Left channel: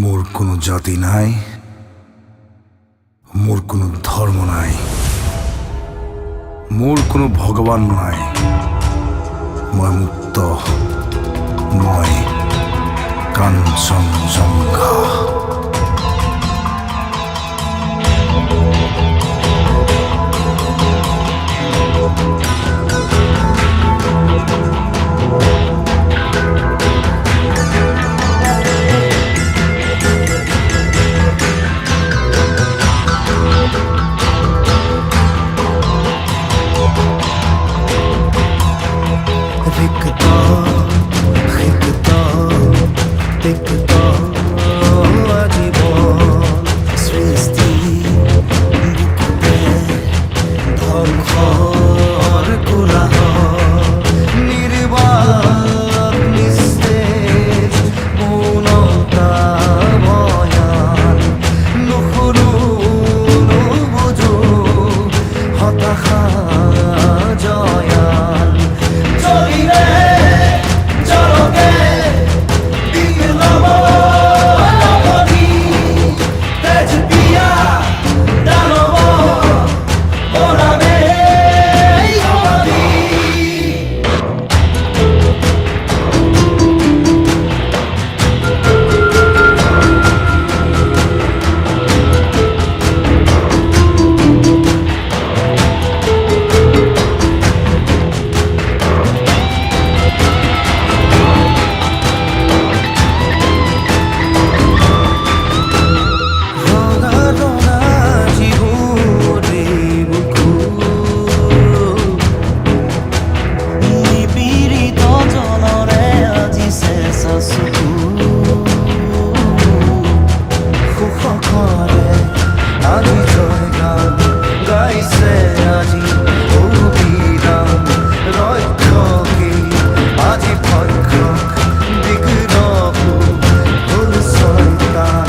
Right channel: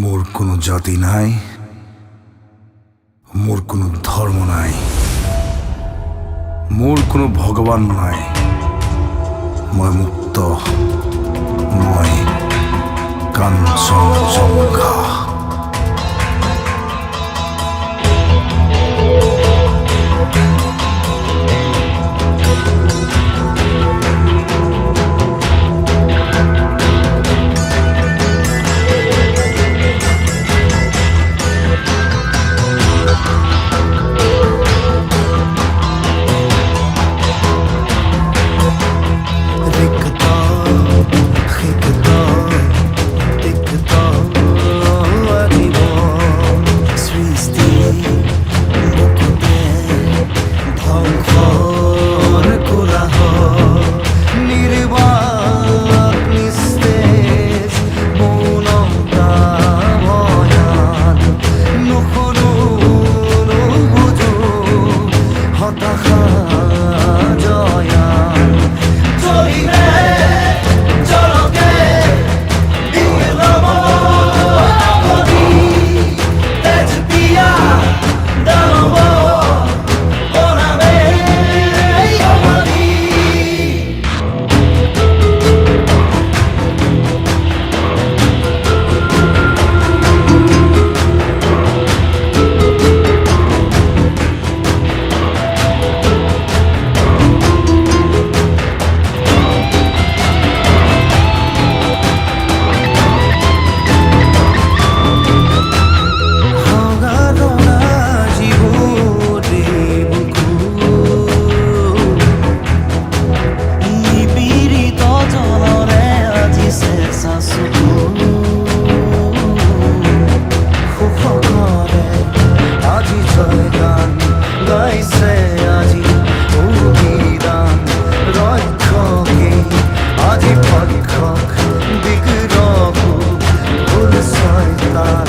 মোর কোনো জাতি নাই, মোর কোনো ধর্ম নাই, মোর কোনো ভগবান নাই। মই মুক্ত, মই কাঞ্চনজঙ্ঘা। रिक्ता रिक्ता तिक्ता आजीवन सृष्टि बुकुते ধ্বংসৰ কোলাহ নিৰ্বাক নিস্তেজ মৌনতা ভয়ান নুশুনো নুবুজো হতাশা জয়ান চলিলে জলকে বিলম নগৰী তেজ পিয়া দানৱ বনামে সমাধি। সুখৰে আজি জয় গান গাইছে আজি অভিৰাম ৰক্ষকেই আজি ভক্ষক বিগ্ৰহ হ'ল ছয়তান।